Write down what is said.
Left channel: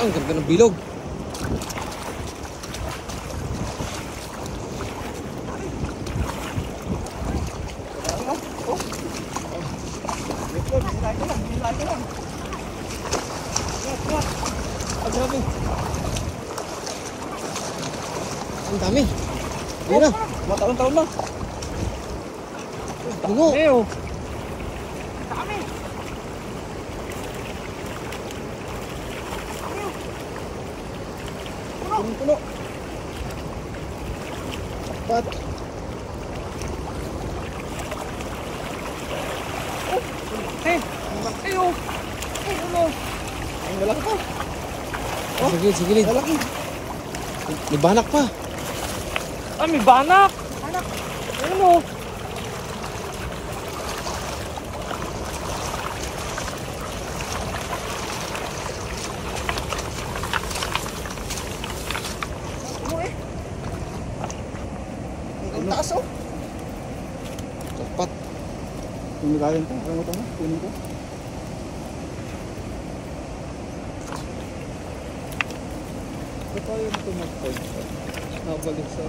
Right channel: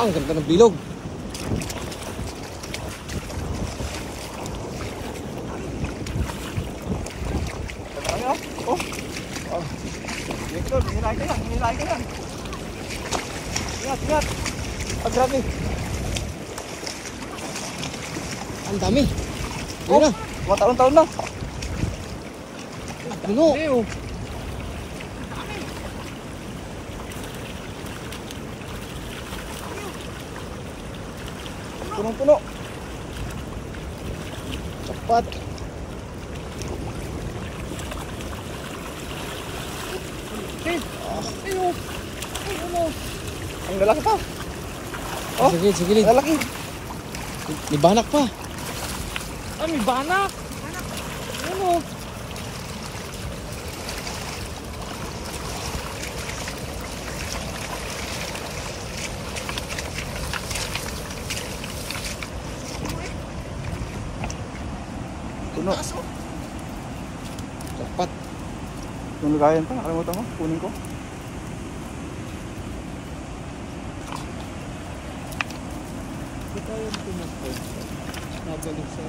Ang ganda ng bilog. Nilay ka yan. Ingat. Ah, grabe. Ang dami. Ayun na. Mataon-taon na. Bingo. Leo. Dami. Punong-puno. Sapat. Ang lalaki pa. Oh, sige. Lalaki. May banak pa. Ah, may banak. Ano? Ang taas oh. Sapat. Kung nagayan pa, nakalimutan mo, kunin ko. Ba't tayo ito mag-pause? Nabalik sa